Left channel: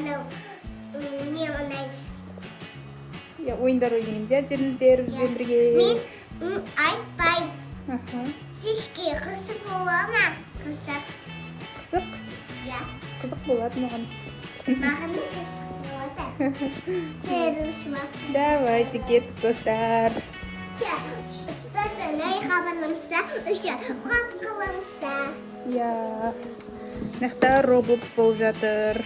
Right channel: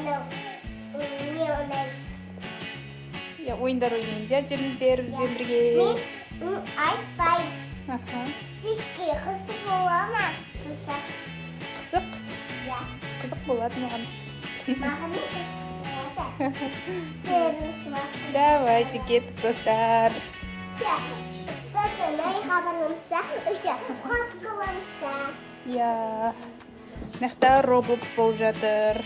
не ойнаймыз. Ойындар ойнаймыз, жеңіздер бізбен бірге. Мен айтпаймын. Кешке қызық бола ма? Қызық? Иә. Қызық болады маған. Маған қызық болады. Давайте кеттік достар. Иә. Мақта Roblox болып жатыр.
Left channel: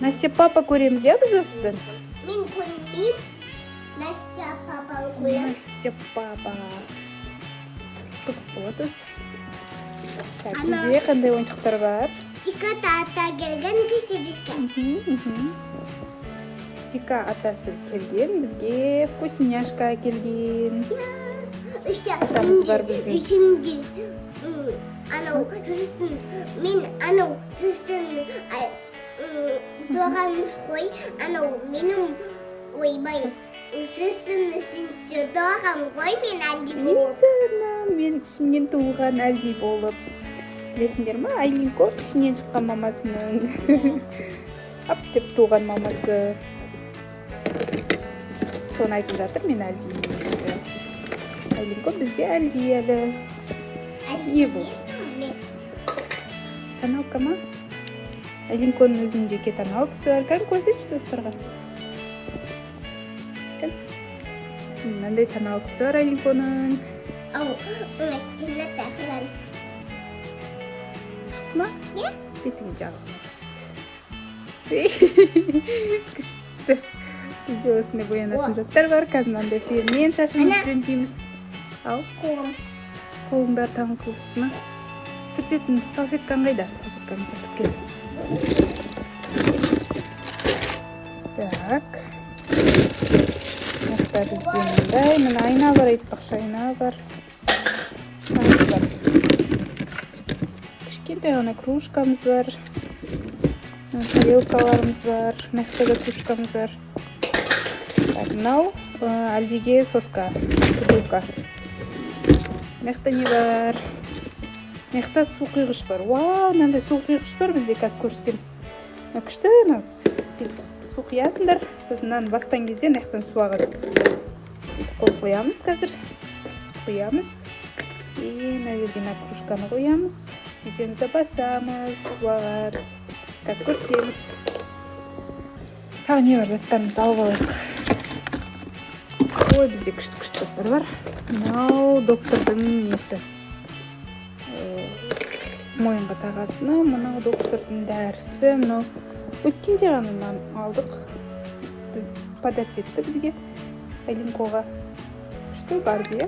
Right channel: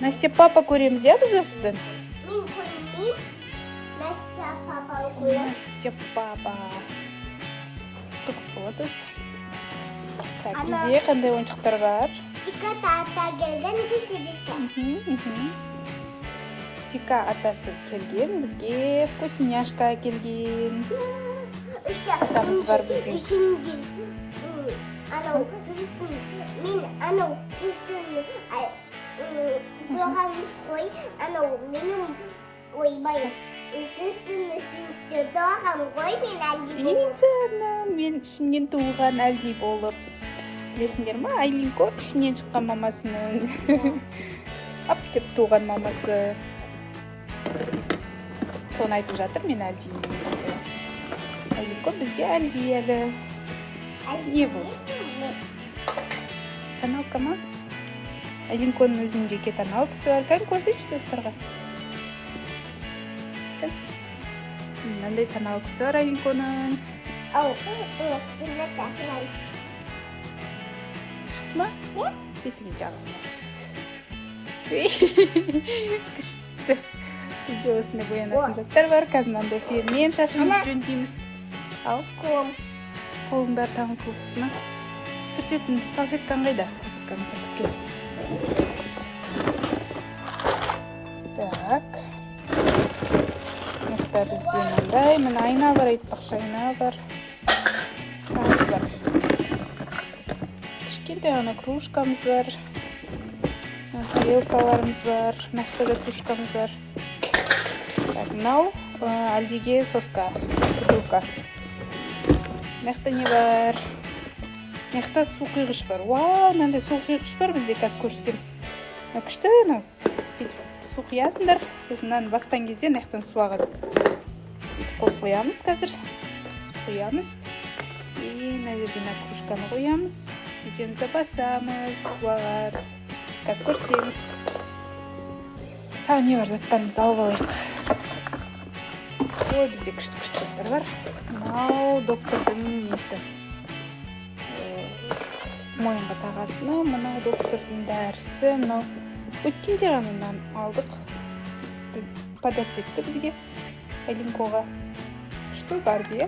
Настя папа көреміз, біз осыдан? Мен көрмеймін. Настя папа көреміз. Настя папа. Қызық болады осы. Бізде қандай ойыншықтар бар? Тика ата келген кесе бізге. Тика атасы келген, бізге вкусняшка келген. Атамыз бар біздің. Мен сіздің доғанымыз қой, менің ойбай, сіздің доған қой, мен әлде болып. Мен ішімнен туылған әлде болып. Білесіңдер ма, Айлинко ішінен шыққан мамасының. Ап деп туған мамасы. Соны айтып жатыр, мен әлде. Айлинко бізде әлде әлі. Не бұл? Тоналка ма? Айлинконың өзіндегі тоналкасы бар. Кән көрсетші достарға. Мынандай тоналкасы бар Айлинконың. Үстіне тақырамыз. Шық ма? Не? Бетің жағылма. Күшті. Бізде осында боянатын заттар бар. Қазір мынандай фенмен шашымыз жөндейміз. Ал. Қолың бәрі тамыр қылып ма? Сүртетін салфеткан қайда? Салфетканы сатып кел. Так. Мақта бізде мындай. Мына айна бар, айтпақшы айна бар. Кішкентай ғана кружкамыз бар. Тарелкаларымыз бар. Мақтада кружкамыз бар. Мынау әлдеге соска. Бутылка. Мақта не бар? Мақта су құйғыш бар. Вау, мынандай су құйғыш бар, бізде қазір көрсетеміз. Күшті анау. Су құясыңдар. Сіз мынаны басқан кезде мақтан су ағады. Қойып қоямыз қазір. Су құямыз. Мына жерден кружканы қоямыз. Сөйтеміз басамыз. Су ағады. Қазір көрсетеміз. Тағы не бар, заттарымыз алып алайық. Ой, бізде күшті заттар бар. Мынау доктордың несі. Мойынға тағатыны, мынау доктордың дәрісі, мынау өткенде ғанынан алдық. Подарок етті бізге, Айлинкоға. Күшті бар дейі.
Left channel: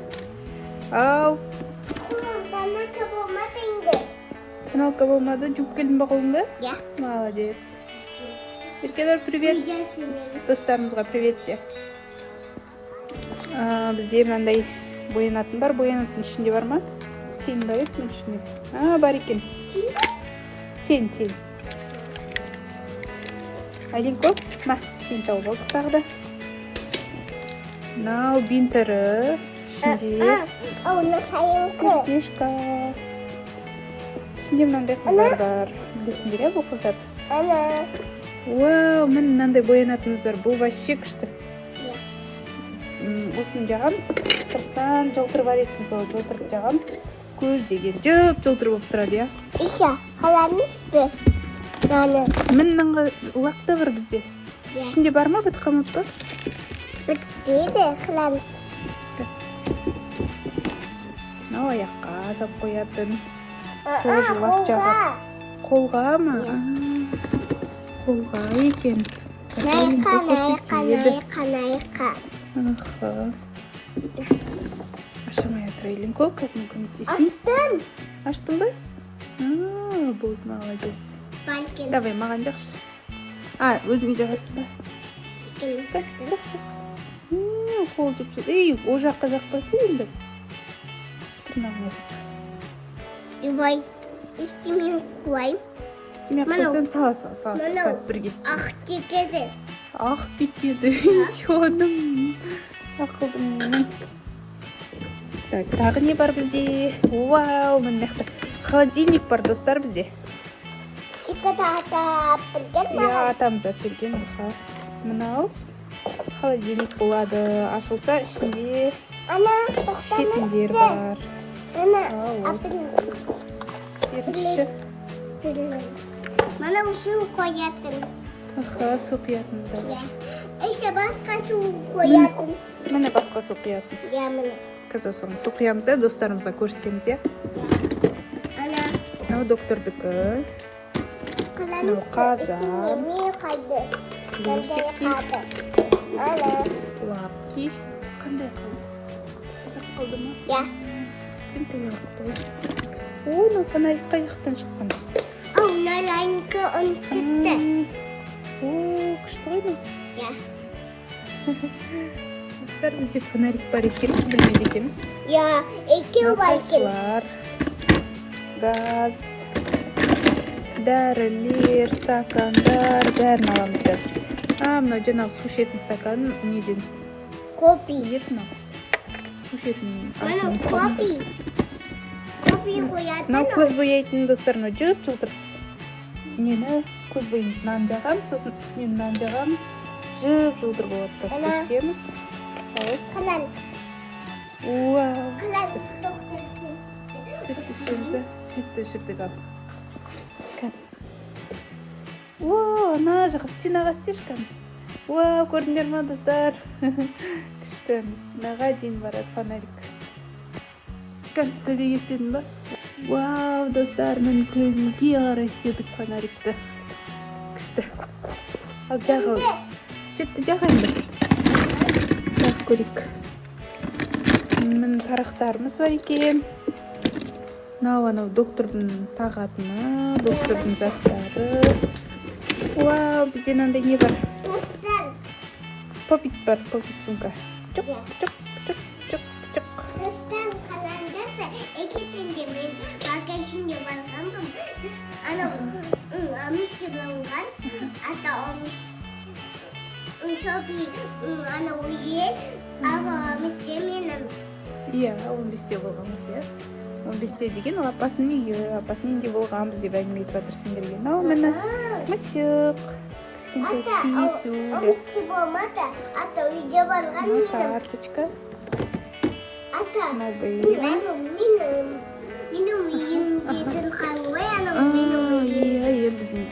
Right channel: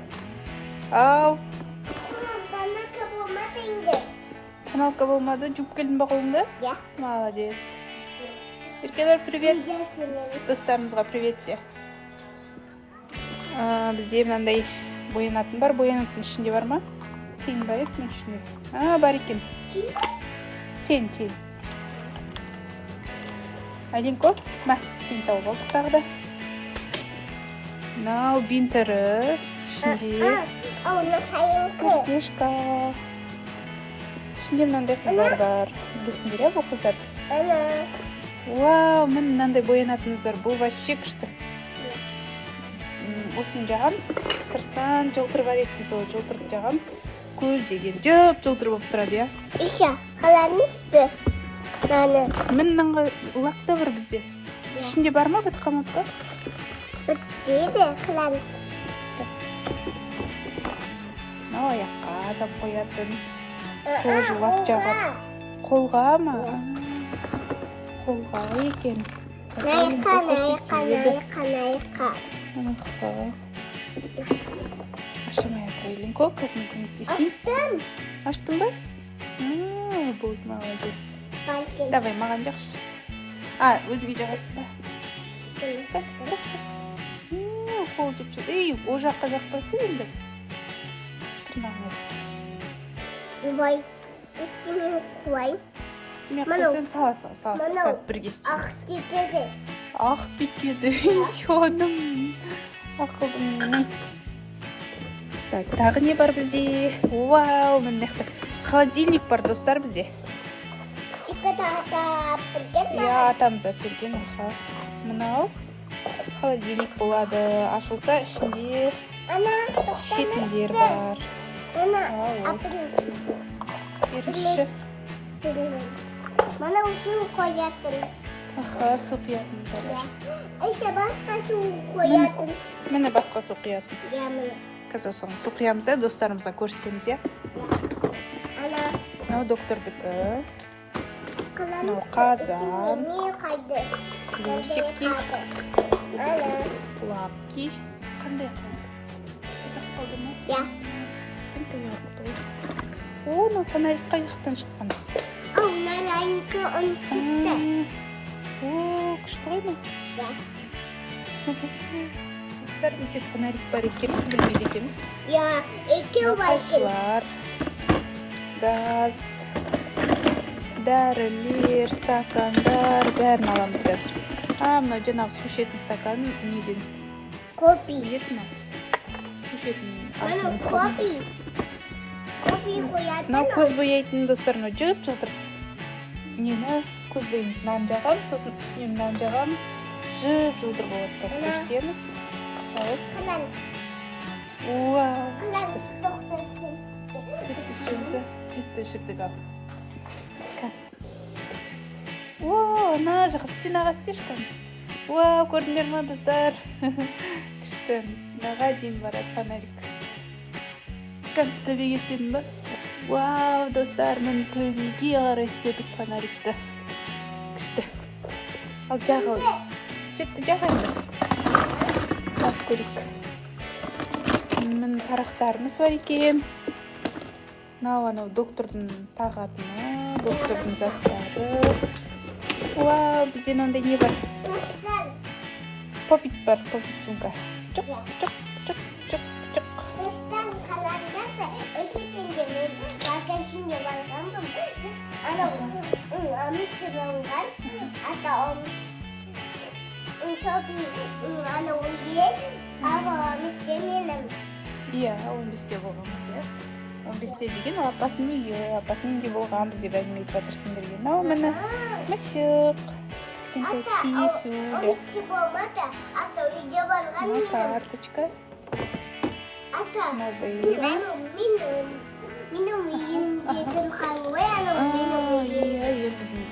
Ау! Тоналка болмады енді. Тоналка болмады, жуып келдің ба қолыңды? Иә. Молодец. Еркелер, привет. Достарымызға привет де. Бізде мынандай боянатын бар, боянатын ішінде бар ма? Тең ба еді, мен ішінде. Бар екен. Тең. Айлинко, ма, тең тауып алдық тағы да. Мынау бинтері, ішінде сердечко. Ішінде мынандай қыздар бар. Білесіңдер, бұл қыздар? Вау, мен мынандай боянатынымыз бар. Бұл вообще күшті. Осын жағамыз, сырттан жылтыр бар етін сол жылтырып жағамыз. Көз деген жылтыр болып тұрады, я? Иша, қаламызды. Мен мынанға лақта бар бізде. Ішінде бар ма, біт қамап бар? Бітпейді, қаламыз. Мынау аяққа сап қоятын. Қол жуақ жағады. Қолға ма? Қолға екен. Найқа. Ашамай атыр Айлинко, қазір көмектесейін. Аштың ба? Болды, молодец. Давай, маған жақшы. Өзіңе жағасың ба? Қол деп жүр. О жаққа жақпасы енді. Тырнағына жақ. Бай, істемен қойым. Істемен қойсан сала. Қазір бірге істейміз. Ақ кетеді. Ақ бекеді. Жоным. Ақылдым. Так, тағы не бар бізде? Вау, міне холодильник бар достар бізде. Чикатата. Иә, атамыз әперген. Мынау холодильник болады. Ашылса ішінде Ана, ішетіндер бар. Ана, Ау. апыл. Ерекше. Mana usul koyatın. Аха, су құятындар. Ya. İşte başka su koyatın. Міне басқа су құятын. Ya mana. Қазір соны су құямыз, достарымызға көрсетеміз, иә. Ana. Мынау доктордікі. Мынау қазан. Ne kaydı? Плюсики, Ana. лапки. Қандай қал? Қазақ қалды ма? Ya. Кім қояды? О, мына фонарик қаяқтан шыққан. Onlarınki onu tuttu. О, күшті ғой мынау. Ya. Достар, бізде фонарик бар екен, біз білмейді екенбіз. Ya. İki Мынау bakın. қосылар, газ, дәрілер, стакандар, бәрін аламыз қазір. Мынау жаңағы су ішетін стакан неден? Kopi. Ет ма? Су ішетін Mana алтын. kopi. Kopi koyatın. Мынау көз бояйтын достар, мынау жылтыр. Нені көз боямыз, нан жағамыз, сосын үстінен нан жағамыз. Жылтыр болады. Ана. Көшкеміз. Kalan. Вау. Kalan doktorsun. Süt ішеміз, sütті ішірдік ал. Вау, ана жаққа стенаға істеші қаны. Вау, көрдіңдер ма достар? Күшті, стенаға дейін барады фонарик. Төбеге істедің ба? Вау, достар, мен төбеге қарай істедік фонарикті. Күшті. Ал жаға ой. Светті жаға енді. Жақ көрейік. Мін тарақтарымыз бар екен. Анау доктордың тағатыны, доктордың заттары. Вау, бізде мынандай не бар? Doktor. Попит бар, попит сумка. Чук, чук, чук, чук, чук. Dostum kalandası ikisinde ben bagajında vardım. Ana almıştım ondan. Hatta olmuş. Çok iyi. Ana uyuyor. Ama almıştım yine. Иә, 15-те болғанбыз, иә. 15-те деген ол апасының үйі, апасының үйінде болғанбыз деп әңгіме айтып жатырсыңдар екен. Ал міне мысық, кішкентай киісулер, Almıştım olmadı. Hatta uyuyor varған мына benim. карточка, Hatta мына бейби. Benim uyumda тұрған ғой. Ana benim uyum. Иә, біздің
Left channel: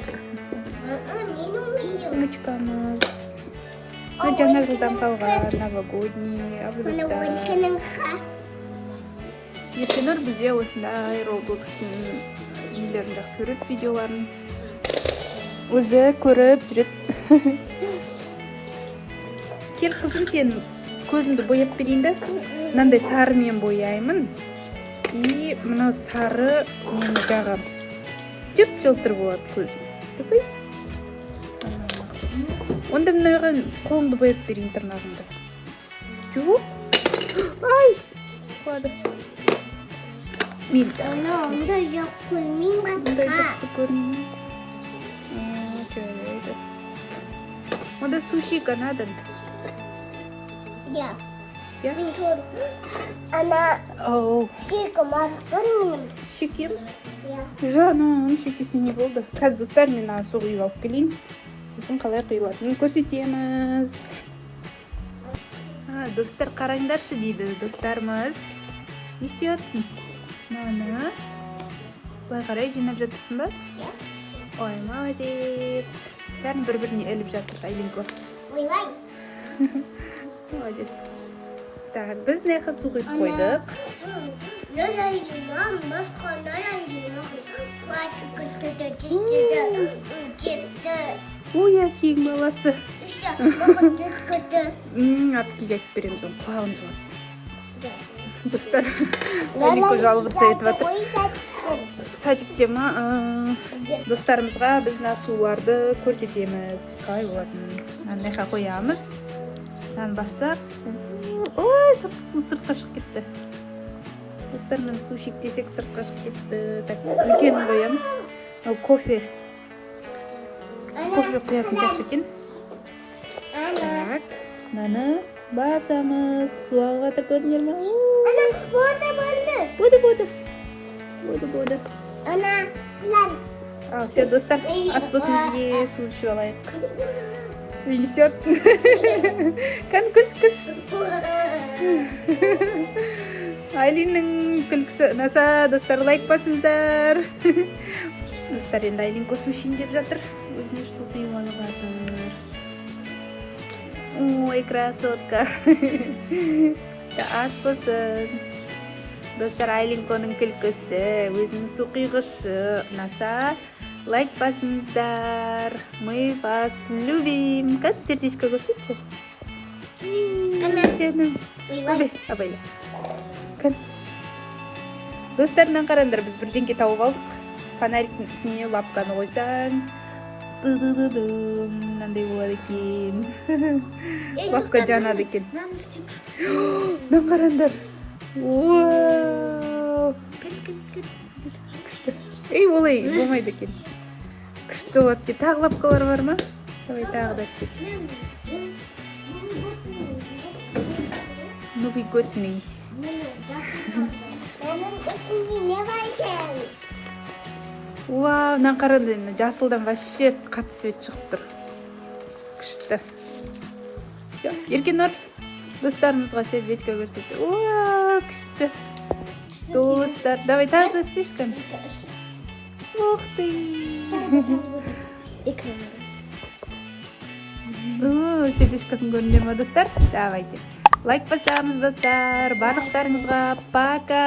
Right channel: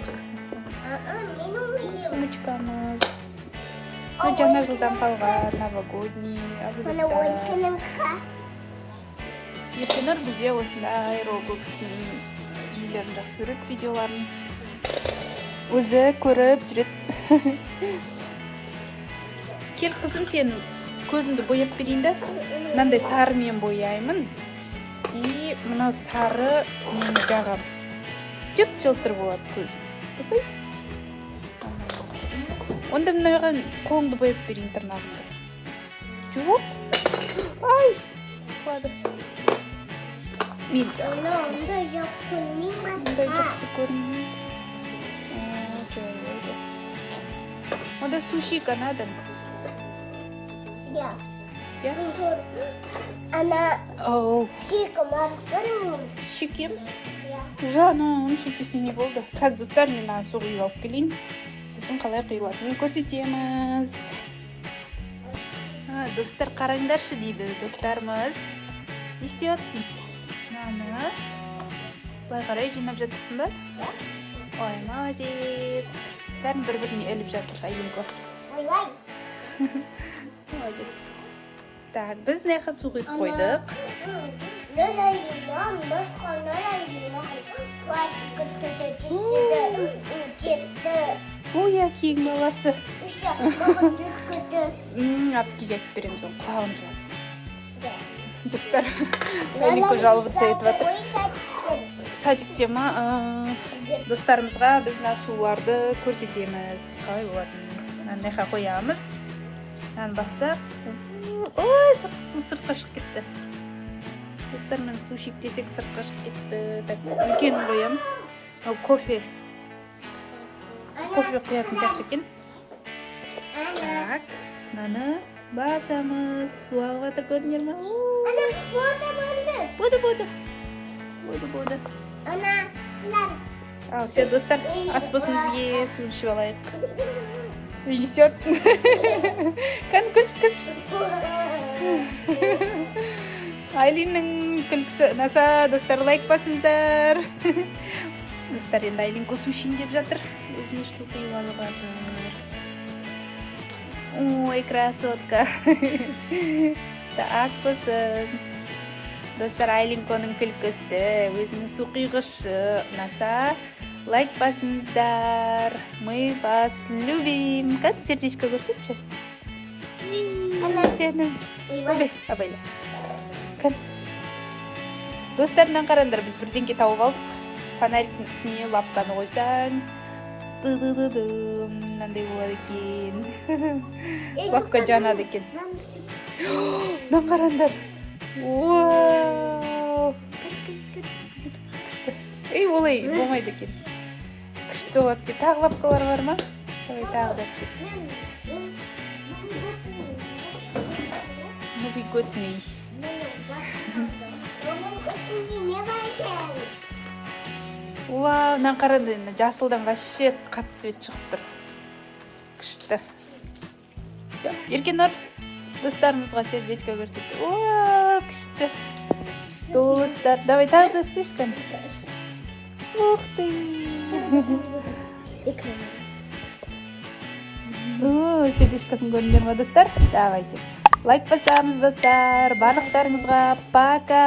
Benim uyum. сумочкамыз. Мына жаңа жылдан қалған новогодний Mana облака. ойыншының қа. Ертеңір бізде осындай Роблокстың үйлерін жақсы көреді, видеоларын өзі көріп жүреді. Кел қызым, сен көзіңді бояп берейін да. Мынандай сарымен бояймын. И мынау сары мені жағам. Жып-жылтыр болады көзім. Көрпей? Онда мынаған қолымды бояп берейін тырнағымды. Жоқ. Ай! Құлады. Милка. Ana onda yok koymayayım Ондай başka. жақсы көрінмей. Жарайды. Онда сушика надо. Ya. Ya. Dur. Ana Оу, şey kumar görmeyeyim. шекем. Ya. Жаным, шекесіне не болды. Қазір достар, мен ана су құйып алып келейін. Сосын қалай құйылатынын көрсетеміз. Достар, қараңдаршы дейді достарымыз. Не істеп жатсың? Мана. Былай қарай жинап жатырсың ба? Ой, молодец. Бәрін бір-біріне іліп жатыр, Айленко. Vay vay. Молодец. Так, біз мына су құйып қойдық. Nereden limon? Başka nereden limon? Çıktı. Ой, кең баласы. İşte baba çıktı. Апкеге айтып береміз, оны құлағын жылады. Достар, Айленко жаловаться етіп жатыр. Садикте ма? Достарымызға біз мына суларды көрсетеміз. Қалай болатынын. Мынандайға қоямыз. Мынаны бассақ. Ой, сыртқа шығып кетті. Достар, мен су шектесек сыртқа шығып кетті. Так, үлкенін қоямыз. Кофе құятын сияқты екен. Так, мынаны басамыз. Су ағып жатыр, көрінер ме? Болды. Ана, сылар. Ал, все, достар, ас болсын бізге су ішіп алайық. Несетсің. Кән, күш. Айлиннің күлкісі ұнаса, достар, лайк басыңыздар. Достар, енді Айлин су ішейін деп жатыр. Өзіне что құйылғаны бар. Ой, красотка. Ас болсын. Достар, Айлинконың күлкісі, өзінің су құйғышы ұнаса, лайк басыңыздар. Мы вас любим. Кән, сердечко көрсетші. Сені. Абай. Кән. Достарынан қарандар, біз бірденге тауып алдық. Фонариктің үстіне лапканы қойсаң. Ды-ды-ды-дым. Мынандай болады екен. Лапка жанады екен. Нан қарандар. Вау! Күшті. Ей, олай болмайды екен. Күшті болады екен. Тағы лапкалар бар ма? Давай тағы да істеп. Ну, be good me. Вау, мынаны қарады, жасылдан вообще қатты свет шығып тұр. Күшті. Еркен ор, достарымызға сердечко көрсетті. Вау, күшті. Достар, давай тағы да істешкін. Ух ты. Сердечкосын көріндер ма, достар? Давайте. Лайк басамыз, достар. Барлықтарыңызға пока.